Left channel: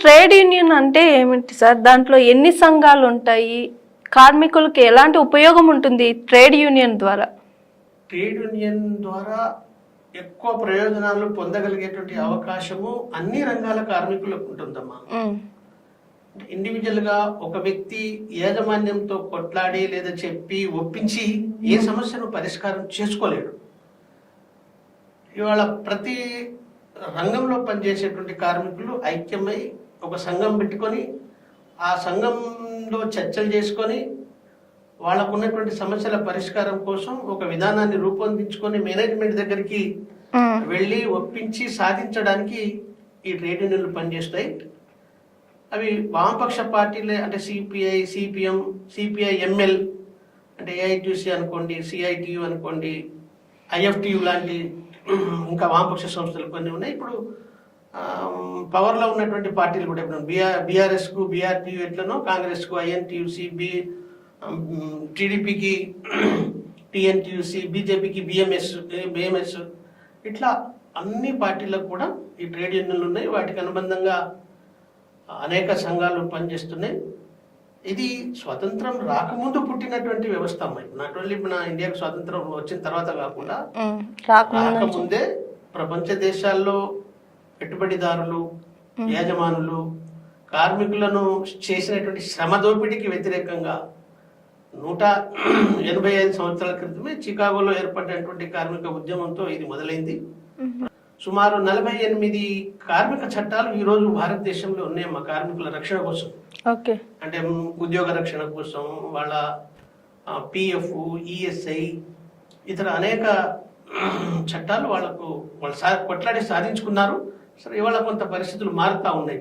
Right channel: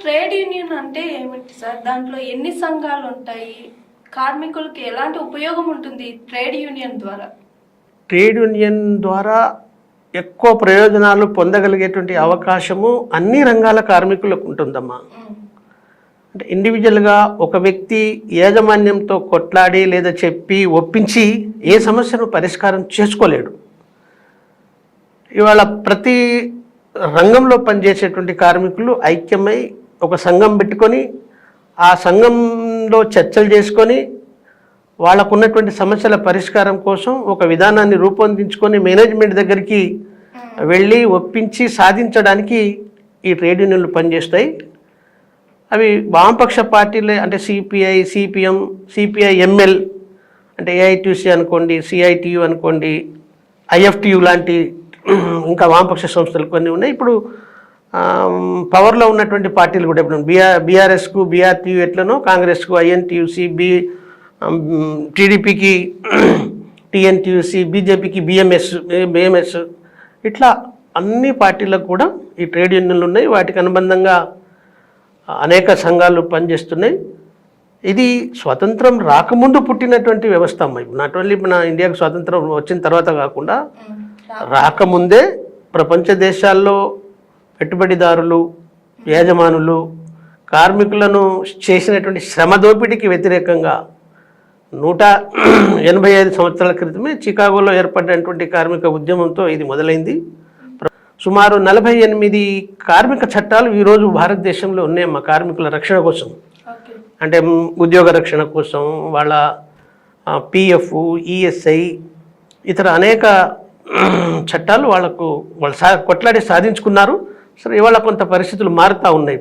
Trade union అంటే ఏమిటి sir? దాంట్లో ఎన్ని సంఘాలు ఉంటాయి కార్మికులకి ఎలాంటి ఉపయోగం ఉంటుంది ట్రేడ్ యూనియన్ ద్వారా? ట్రేడ్ యూనియన్ ద్వారా ఎక్కువ ప్రయోజనాలు పొందగలిగేటువంటి అవకాశము అన్ని రంగాల కార్మికులకు ఉంటుందమ్మా. అంటే ఇండివిజువల్గా ఒక వ్యక్తి యాజమాన్యంతో కొట్లాడి లేదా చెప్పి ఒప్పించి ఏ సమస్యను పరిష్కారం చేసుకోలేడు. ఇవాళ ప్రతి రంగంలో పనిచేసేటువంటి కార్మికులు ఐక్యమై ఒక సంఘం పెట్టుకొని ఆ సంఘంలో చర్చలు చేసుకొని వాళ్ళకు ఉన్నటువంటి సమస్యల పరిష్కారం కోసం ఒక విధానాన్ని రూపొందించుకొని మేనేజ్మెంట్ దగ్గరికి వెళ్ళి ఒప్పించి సాధించడానికి ఈ ట్రేడ్ యూనియన్లు పనిచేస్తాయి. అవి వామపక్ష పార్టీలే అంటే సిపిఐ సిపిఎం సిపిఐ ఎంఎల్ అంటే ఏఐటీసీ అనుకోండి సిఐటియు అనుకోండి ఐఎఫ్టియు లాంటి ఇంకా వామపక్ష సంస్థలు కొన్ని ఉన్నాయి. ఇప్పుడు పవర్లో ఉన్నటువంటి పార్టీలు కూడా ఇప్పుడు బీఆర్ బీఆర్ఎస్కు బీఆర్టీయూ ఎట్లనో కాంగ్రెస్కు ఐఎన్టీయూసీ బి టీడీపీకి టీఎన్టీయూసీ బీజేపీకి బిఎంఎస్ బిఎంఎస్ ఇట్లా అన్ని పార్టీలకు కూడా ఈ ట్రేడ్ యూనియన్లు ఉన్నాయి. వాటికి అనుబంధంగా అనేక సంఘాలు పనిచేస్తున్నాయి. ఇది స్వతంత్రం రాకముందు పుట్టినటువంటి వ్యవస్థ అమ్మ. నాట్ ఓన్లీ మన ఇండియాకు స్వాతంత్రం వచ్చిన తర్వాత కాకుండా రాకముందే. ప్రపంచ దేశాల్లో పెట్టుబడిదారులు యాజమానులు కార్మికులను చేసినటువంటి శ్రమ దోపిడీకి వ్యతిరేకంగా నూట ఎనభై ఐదు సంవత్సరాల క్రితమే చికాగోలో ఏర్పడినటువంటి కార్మిక ఉద్యమంతో ఇది మొదలైంది. సుమారు నలభై ఎనిమిది కార్మిక చట్టాలు ఈరోజు భారతదేశంలో ఉన్నాయమ్మా కార్మికుల రక్షణ కోసం. అంటే ఉద్యోగ రక్షణ కోసం వాళ్ళ పిఎఫ్ ఈఎస్ఐ ఇతర అనేక చట్టాలు వాళ్ళకు వాళ్ళు సా కొట్లాడి సాధించుకున్నారు. సరే ఇవాళ కొంత పరిస్థితులు మారుతూ ఉన్నాయి.